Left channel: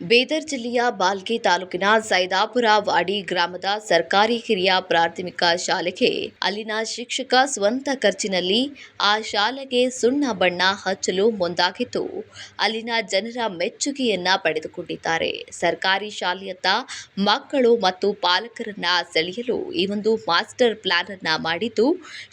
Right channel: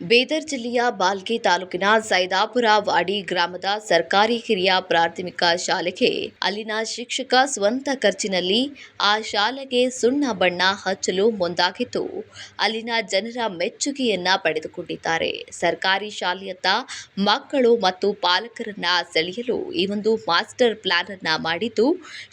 ಬೀದರ್ ಜಿಲ್ಲೆಯ ಬಾಲ್ಕಿ ತಾಲೂಕಿನ ಸೈದಾಪುರ ವಾಡಿ ಗ್ರಾಮದ ಸರ್ಕಾರಿ ಹಿರಿಯ ಪ್ರಾಥಮಿಕ ಶಾಲೆಗೆ ಅಲ್ಲಿನ ಶಿಕ್ಷಕ ಸ್ವಂತ ಖರ್ಚಿನಲ್ಲಿ ಆ ಶಾಲೆಗೆ ಸುಣ್ಣ ಬಣ್ಣ ಹಚ್ಚಲು ಮುಂದಾಗಿದ್ದು ಅಲ್ಲಿನ ಜನರ ಮೆಚ್ಚುಗೆಯನ್ನ ಪಡೆದುಕೊಂಡಿದ್ದಾರೆ. ಸರ್ಕಾರಿ ಶಾಲೆಯತ್ತ ಮಕ್ಕಳು ಮತ್ತು ಪಾಲಕರನ್ನ ಸೆಳೆಯಲು ಈ ಒಂದು ಮಾಸ್ಟರ್ ಪ್ಲಾನ್ ಅನ್ನ ಮಾಡಿದ್ದು,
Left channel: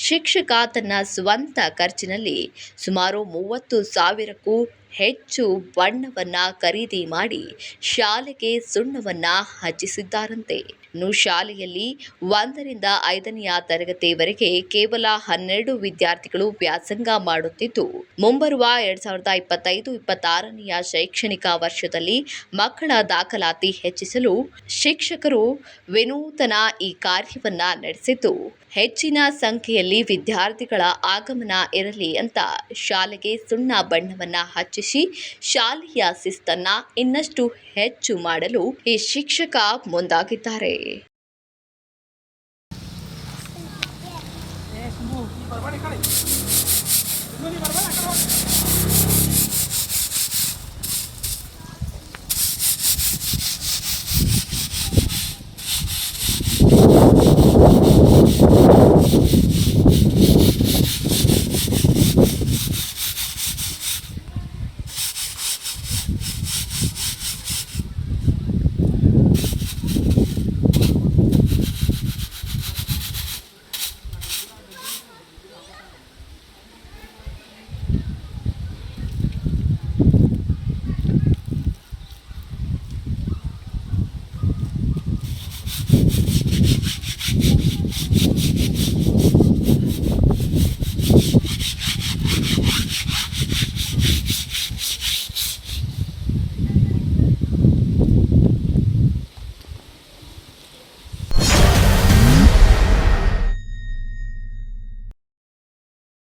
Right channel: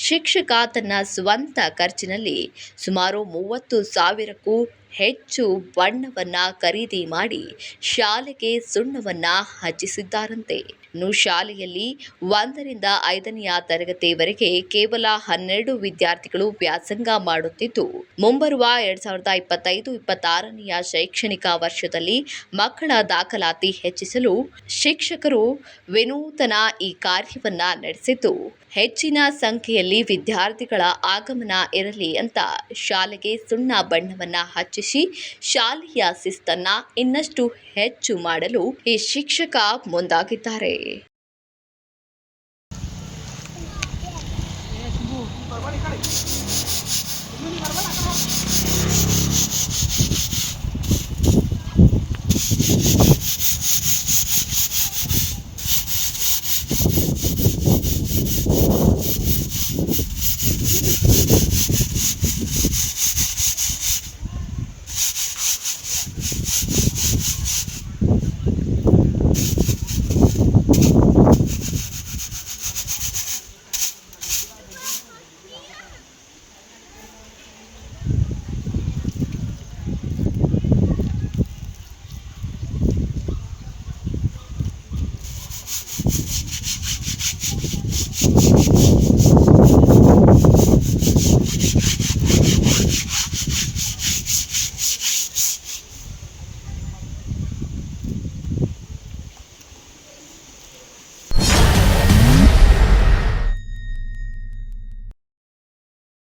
ಶಿಕ್ಷಕ ತನ್ನ ಸ್ವಂತ ಖರ್ಚಿನಲ್ಲಿ ಸುಮಾರು 30,000ಕ್ಕೂ ಹೆಚ್ಚು ಬಣ್ಣವನ್ನ ಖರೀದಿ ಮಾಡಿ ಶಾಲೆಗೆ ಸುಣ್ಣವನ್ನ ಹಚ್ಚಿಸಿದ್ದಾರಂತೆ. ಇನ್ನು ಶಾಲೆಯಲ್ಲಿ 1ರಿಂದ 5ನೇ ತರಗತಿವರೆಗೆ ಕೇವಲ 12 ವಿದ್ಯಾರ್ಥಿಗಳು ವ್ಯಾಸಂಗ ಮಾಡುತ್ತಿದ್ದು, ಮುಂಬರುವ 2025-26ನೇ ಶೈಕ್ಷಣಿಕ ವರ್ಷದಲ್ಲಿ ಮಕ್ಕಳ ದಾಖಲಾತಿ ಹೆಚ್ಚಿಸಲು ಶಿಕ್ಷಕರು ವಿನೂತನ ಈ ಕಾರ್ಯವನ್ನ ನಡೆಸಿದ್ದು, ಹೆಚ್ಚಿನ ಸಂಖ್ಯೆಯಲ್ಲಿ ವಿದ್ಯಾರ್ಥಿಗಳ ಆಗಮನ ಇರಲಿ ಅಂತ ಶಾಲೆಗೆ ಸುಣ್ಣ ಬಣ್ಣವನ್ನ ಹಚ್ಚಿಸಿ ಶಾಲೆಯ ಶಿಸ್ತನ್ನ ಇನ್ನಷ್ಟು ಹೆಚ್ಚು ಮಾಡಲು ಈ ಶಿಕ್ಷಕ ಮುಂದಾಗಿದ್ದಾರೆ.